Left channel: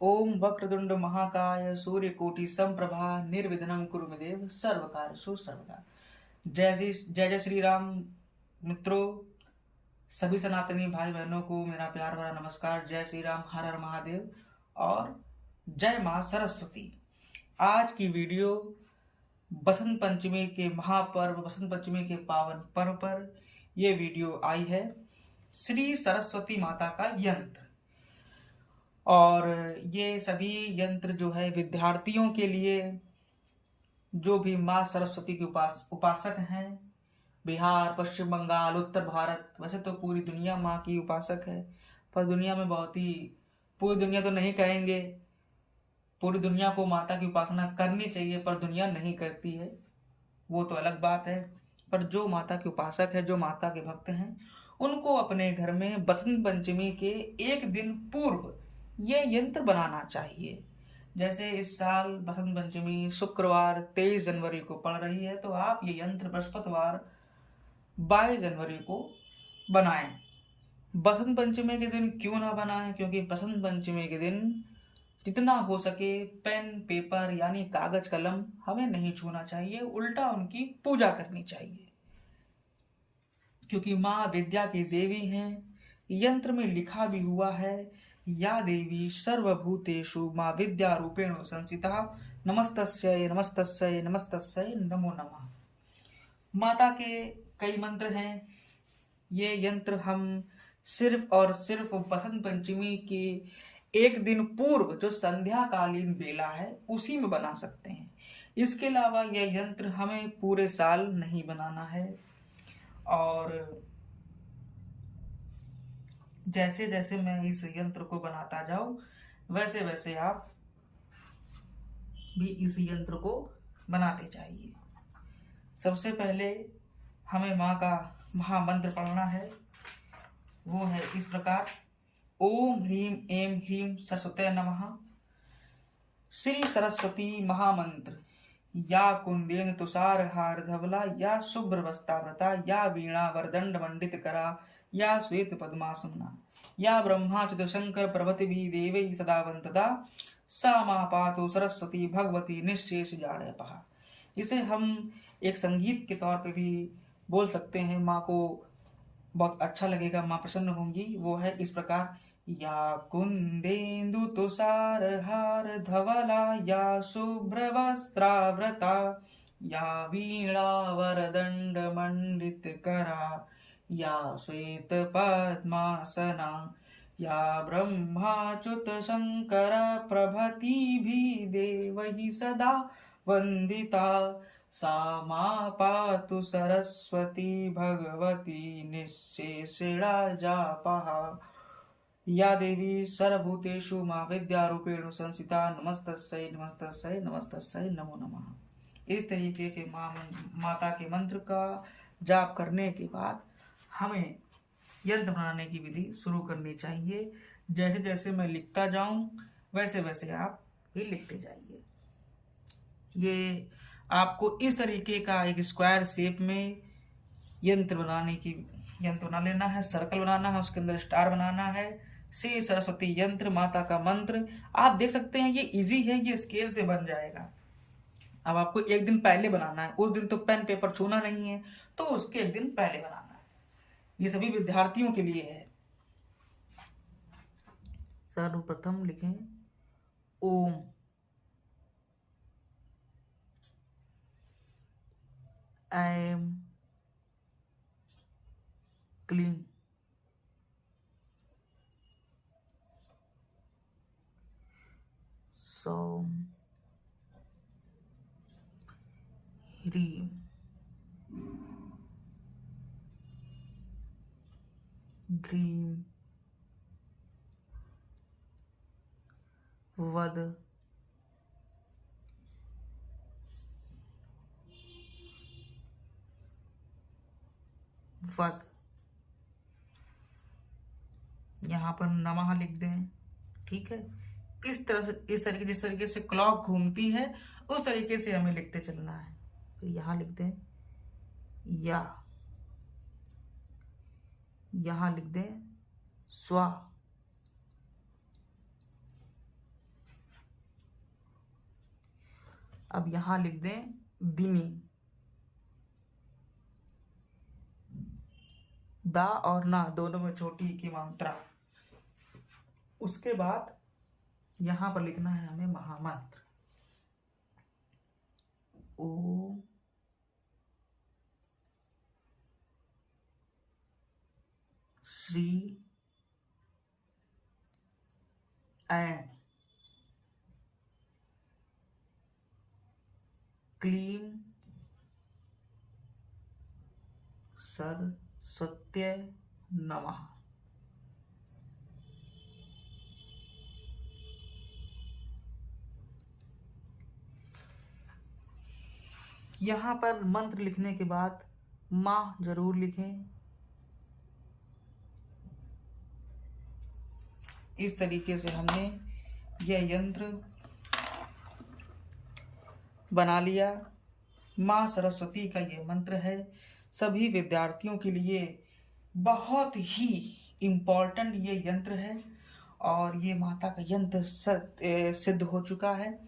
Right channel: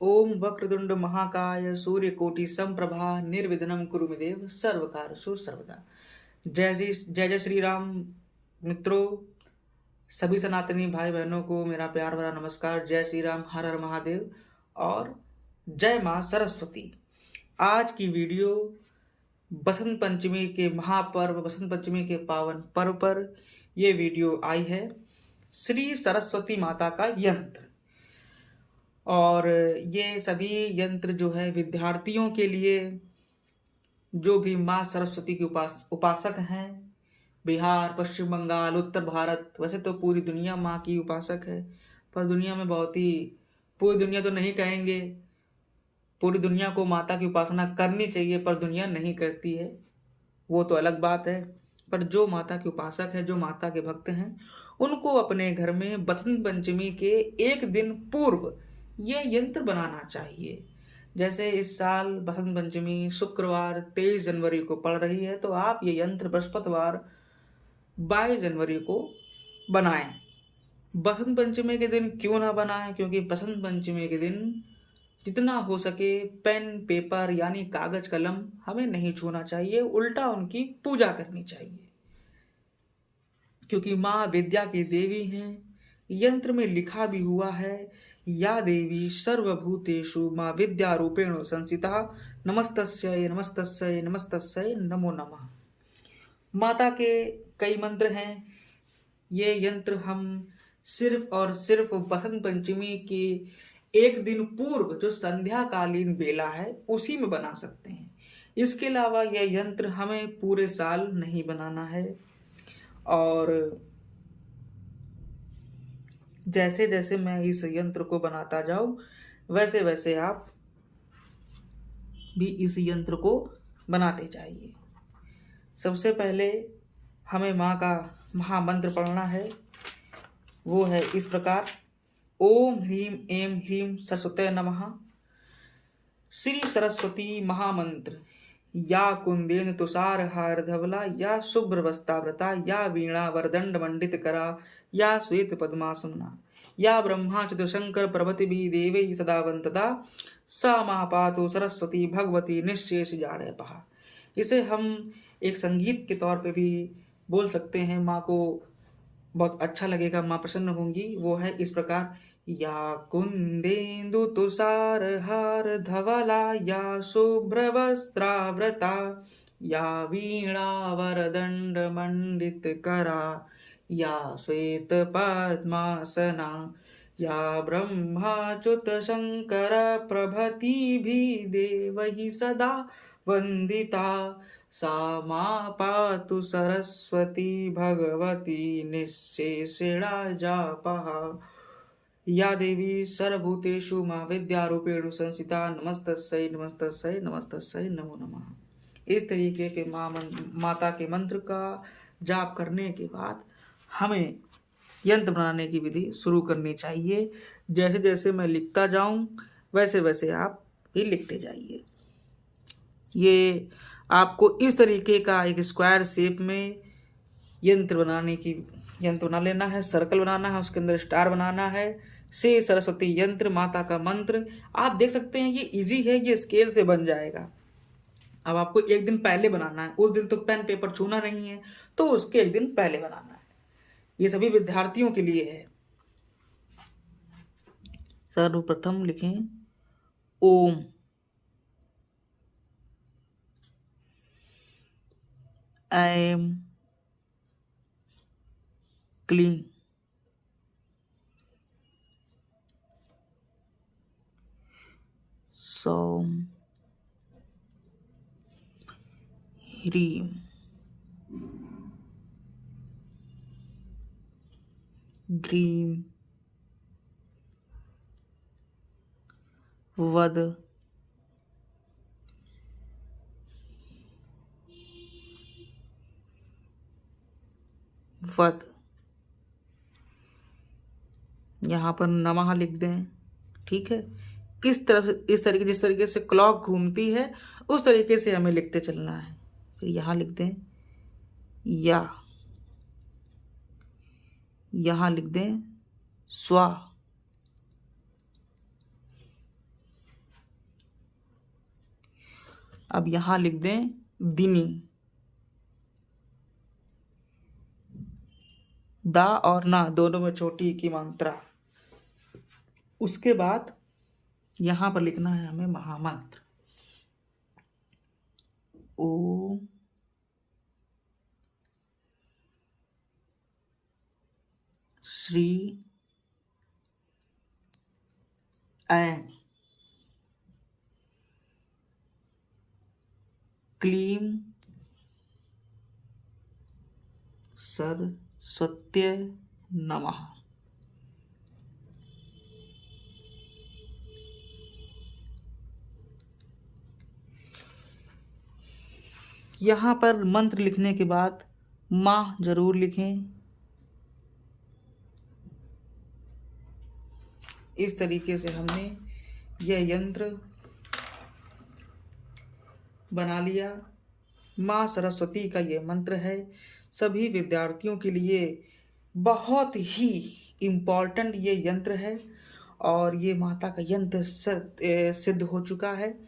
ओम वक्रतुंड महाकाय सूर्यकोटि समप्रभा निर्विघ्नं कुरु मे देव सर्वकार्येषु सर्वदा। जय श्री राम। मित्रों, सभी सनातनी भाई बहनों को मेरा प्यार भरा नमस्कार। जय श्री राम, हर हर महादेव और जय मां सरस्वती। आज की वीडियो बसंत पंचमी के महापर्व, बसंत पंचमी के पावन पर्व पर ये वीडियो आई है। श्री सरस्वती माता का यंत्र, और ये सभी यंत्र जो है विद्यार्थियों के लिए, जो भी माँ सरस्वती के उपासक हैं, बिहार, पश्चिम बंगाल, उत्तर भारत, वैसे तो पूरी दुनिया माँ की उपासक है, पर दुनिया में बहुत ही, पूरी दुनिया तो नहीं कहेंगे, पूरी दुनिया को माता की उपासना करनी चाहिए पर दुनिया नहीं करती है, वो तो अलग बात है। पर जो माता के उपासक है, जो माता के भक्त हैं, उनको अपने घर में बसंत पंचमी के एक दिन पूर्व ये यंत्र बनाना चाहिए। जैसे इस साल बसंत पंचमी शुक्रवार 23 जनवरी को पड़ रही है, तो आप ये यंत्र बृहस्पतिवार 22 जनवरी को बनाएं। बसंत पंचमी के दिन क्यों ना बनाएं? क्योंकि बसंत पंचमी के दिन जितना हो सके पेन पेपर यानी कागज कलम हमें नहीं छूना चाहिए, उल्टा उनकी पूजा करनी चाहिए, क्योंकि माँ विद्या की देवी हैं। यंत्र में लिखा भी हुआ है, या देवी सर्वभूतेषु माँ विद्या रूपेण संस्थिता, नमस्तस्यै नमस्तस्यै नमस्तस्यै नमो नमः। माता के कई मंत्र हैं। ये यंत्र हम सिर्फ और सिर्फ बसंत पंचमी के एक दिन पूर्व, जो संध्याकालीन बेला है, उसी में बना सकते हैं। इसके अलावा यह यंत्र हमें पूरे साल नहीं बनाना है। और जैसे जैसे मैं इस यंत्र को बनाता जाऊं, वैसे वैसे आप भी इस यंत्र को बनाते जाइए। सबसे पहले हमें माँ का महामंत्र पढ़ना है। वो है इस प्रकार: ओम ह्रीम एम ह्रीम सरस्वती नमः। श्री सरस्वती महामंत्र। या कुंदेन तुषार हार धवला, या शुभ्र वस्ताव्रता, या वीणा वरदंड मंडित करा, या श्वेत पद्मासना, या ब्रह्मा चतुशंकर प्रभृति भी देवै सदा वंदता, सा मा पातु सरस्वती भगवती निःशेष जाड्यपहा। इसे हम एक संगीत के तौर पे भी बोल सकते हैं, माँ को बहुत अच्छा लगेगा, माँ प्रसन्न होंगी। वो है इस प्रकार: या कुंदेन्दु तुषार हार धवला, या शुभ्र वस्त्रावृता, या वीणा वरदंड मंडित करा, या श्वेत पद्मासना, या ब्रह्माच्युत शंकर प्रभृति भी देवहि सदा वंदिता, सा मा पातु सरस्वती भगवती निःशेषेणा जापहा। या देवी सर्वभूतेषु माँ विद्या रूपेण संस्थिता, नमस्तस्यै नमस्तस्यै नमस्तस्यै नमो नमः। इस तरीके के माता के मंत्र का जाप करने के बाद हमें यंत्र बनाने की विधि शुरू करनी चाहिए। जैसे जैसे मैं लिखता जाऊं, वैसे वैसे आप भी लिखते जाइए। ये आपको इस तरीके का एक स्क्वायर शेप में यंत्र बना लेना है, सर्कल बनाना है, उसके अंदर स्टार बनाना है। श्री सरस्वती यंत्र, माता का मंत्र। आप देख सकते हैं ये इजी है, ये स्केल से बन जाएगा। अब आपको एक दिन पहले बनाना है, उस दिन तो पेन पेपर छूना नहीं है, तो उसके एक दिन पहले बनाना है। ये सभी विद्यार्थियों के लिए है। सर्वप्रथम लिखें ओम, ऐम, क्लीं, सौम, ह्रीं, ग्रीं, वद, वद। यहाँ पर नमः लिख दें, ठीक है। इस तरफ, इस तरीके, जिस तरीके से क्लॉक घूमती है उस तरीके से हमें लिखते चलना है। फिर यहाँ लिख दें या, यहाँ लिख दें स्वा, अब यहां लिख दें दिनी। दा और ना दोनों में छोटी की मात्रा। उसके बाद यहां पर लिखना है हमें महामंत्र। ओ श्री ऐं क्लीं सरस्वत्यै नमः। यहाँ पर मंत्र लिखने के बाद माँ जरूर लिखें। इस तरीके से हमने यह यंत्र बना लिया। माँ सरस्वती का यह मंत्र है। सभी विद्यार्थियों के लिए बहुत ही इम्पोर्टेंट ये यंत्र है और ये माता का यंत्र सिद्ध हो चुका है।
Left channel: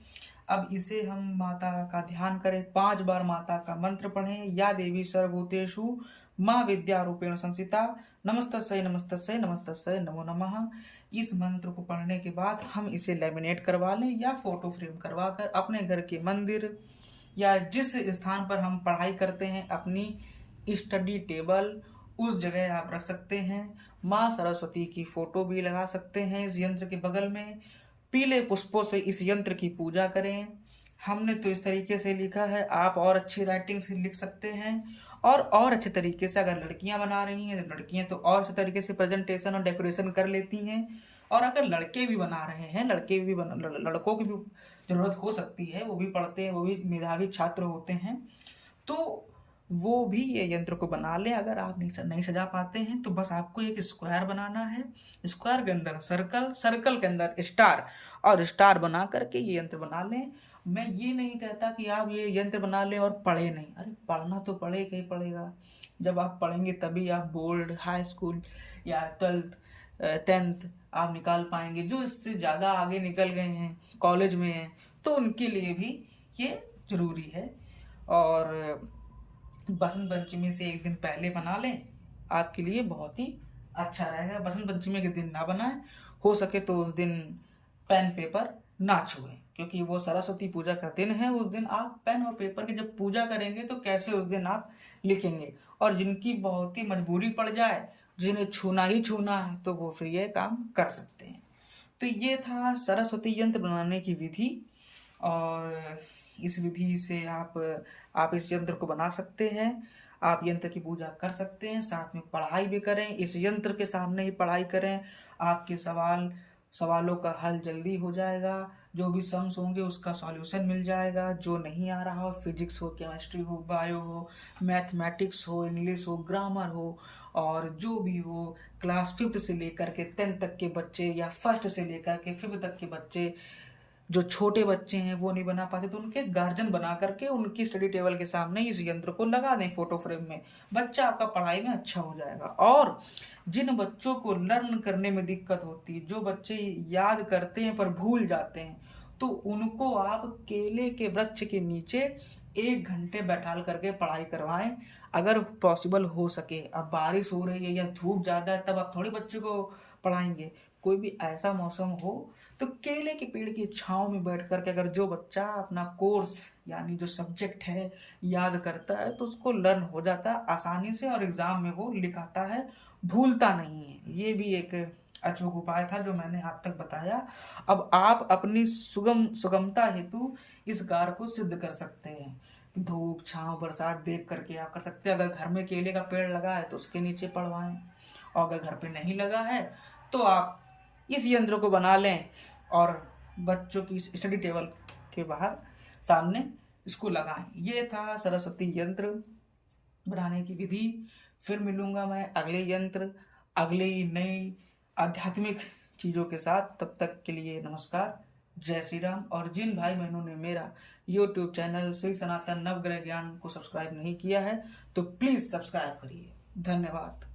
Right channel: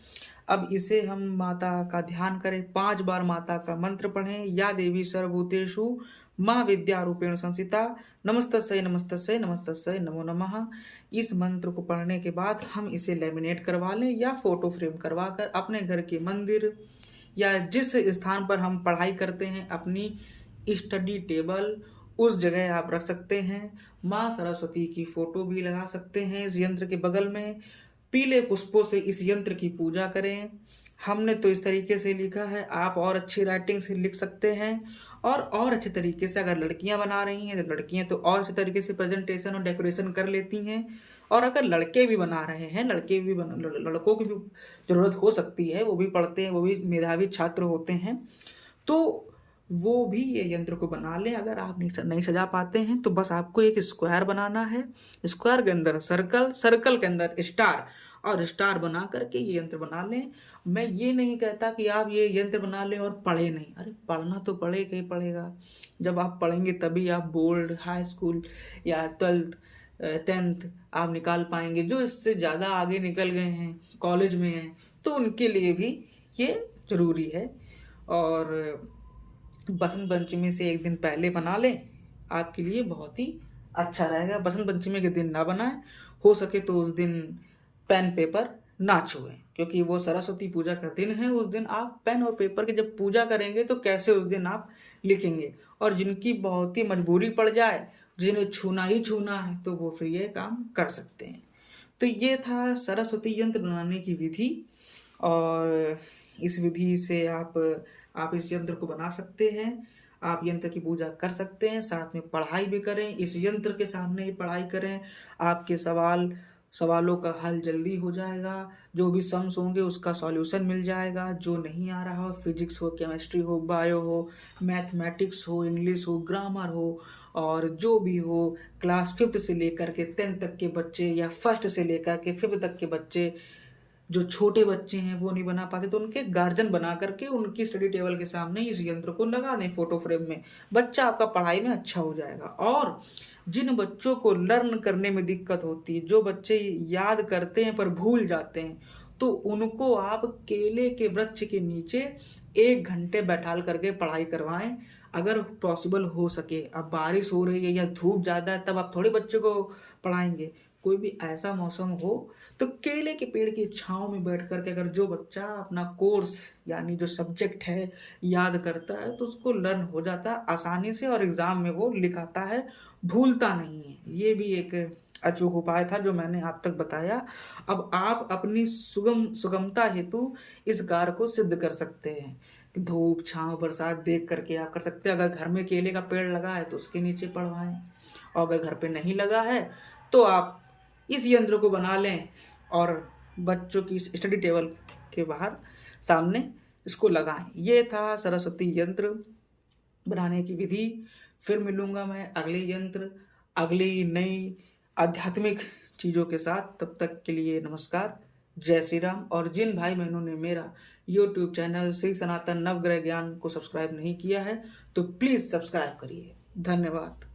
अब इसे हम माता का ध्यान करें, 5 बार माता का मंत्र पढ़ें। या देवी सर्वभूतेषु माँ विद्या रूपेण संस्थिता नमस्तस्यै नमस्तस्यै नमस्तस्यै नमो नमः। इस मंत्र को पढ़ने के बाद हम इसे लैमिनेट करवा लें या फोटो फ्रेम करवा कर अपने घर के मंदिर या जिस स्थान पर हम पढ़ाई करते हैं, अपनी स्टडी टेबल, उस जगह आप रख सकते हैं। माँ सरस्वती की फोटो भी लगा सकते हैं इस यंत्र के बगल में। पीले पुष्पों से इस यंत्र की पूजा करें। हमने तो इस तरीके से लिखा है, आप और अच्छी राइटिंग से लिख सकते हैं और अच्छे तरीके से। अगर लड़कियां बना रही हैं तो लड़कियां तो और अच्छे तरीके से प्रेजेंटेशन और डेकोरेशन कर लेती हैं, और अगर लड़के भी बना रहे हैं, लड़कों की भी ज़रूरत हो सकती है, वो भी पढ़ते हैं, वो भी मेधावी छात्र होते हैं, तो वो भी ये यंत्र को बना लें। अगर आप नहीं सजा पाते हैं तो बस आपको एक स्क्वायर बनाना है। स्क्वायर के अंदर सर्कल, सर्कल के अंदर स्टार, और स्टार बना करके ये यंत्र बना लें। मैं ये नहीं कहता कि आप ये यंत्र बना लें और पढ़े नहीं। अरे पढ़ना तो पड़ेगा ही पड़ेगा। जब आप पढ़ेंगे तभी आप बोर्ड, हाई स्कूल या 12th 10th आप निकाल पाएंगे। जो इससे ज़्यादा आगे निकल गए हैं, कॉलेज में हैं, तो उनके लिए भी ये ज़रूरी है। और बसंत पंचमी से एक दिन पहले बना लें, आपके लिए बहुत ही अच्छा रहेगा। बसंत पंचमी के दिन ना बनाएं, हो सके तो उस दिन पेन पेपर ना छुएं, क्योंकि वो सरस्वती पूजा का दिन है। उस दिन आप पेन और पेपर की जब पूजा करेंगे तो कैसे उस दिन आप लिखेंगे। और जिनकी बहुत ही मजबूरी पड़ जाए, जिन्हें छूना ही छूना है, तो वो फिर ये काम कर सकते हैं। तो ये था सरस्वती यंत्र बनाने की विधि, और इस विधि से आप इस यंत्र को बना सकते हैं। आप यंत्र की पूजा कर सकते हैं, साथ में पढ़ाई भी करें। इस यंत्र के सामने ही पढ़ाई करें। आपके सवालों का हल जल्दी हो जाएगा। जो भी सम्स होंगे उसका सॉल्यूशन मिल जाएगा। जो नहीं आ रहा हो, फिजिक्स हो, केमिस्ट्री हो, बायो हो, मैथमेटिक्स हो, इंग्लिश हो, ग्रामर हो, और जो भी हो, क्लास 5th से लेकर के 10th तक के बच्चे या 1st से लेकर के 5th तक के बच्चे, जो छोटे बच्चे हैं वो नहीं बना पाते, तो उनके गार्जियन बना करके उनकी स्टडी टेबल के सामने इस यंत्र को लगा दें फोटो फ्रेम में। बच्चा आपका पढ़ाई में अच्छा हो जाएगा। और जिन बच्चों को लर्न करने में दिक्कत होती है, जो बच्चे याद करते हैं पर भूल जाते हैं, तो उनको आप केले के वृक्ष के नीचे 1 घंटे बैठाल करके पढ़ाई करवाएं, अगर पॉसिबल हो सके। अब बारिश हो रही है या धूप ज़्यादा है, तब आप थोड़े बच्चे को पढ़ाएंगे। कोई भी ऐसा मौसम हो तो केले के पेड़ की छांव में बैठ करके अगर जो बच्चा अपना कोर्स यानी जो सब्जेक्ट है याद करता है, तो उसको लर्न हो जाता है आसानी से, और एग्ज़ाम में वो लिखाता है, भूलता नहीं है। ये भी एक अचूक उपाय था जो मैंने आप तक बताया। अब आप अपनी सुगमता हेतु इस कार्य को सिद्ध कर सकते हैं। धूप छांव बरसात देख करके आप कर सकते हैं। अगर घर में केले का पेड़ लगा है तो उसके नीचे पढ़वाएं, और अगर घर पे नहीं लगा है तो आप इस यंत्र को बना लें और बच्चों की स्टडी टेबल के बाहर सामने इसको लगाएं। ये था सरस्वती यंत्र बनाने की विधि। फिर मिलूंगा मैं अगले यंत्र, अगली नई आध्यात्मिक चीज़ों के साथ। तब तक के लिए नमस्कार, जय श्री राम। और जिन भाई बहनों ने मेरा YouTube चैनल श्री सनातन नवग्रह ज्ञान को सब्सक्राइब नहीं किया है, तो प्लीज़ सब्सक्राइब करिए। धन्यवाद।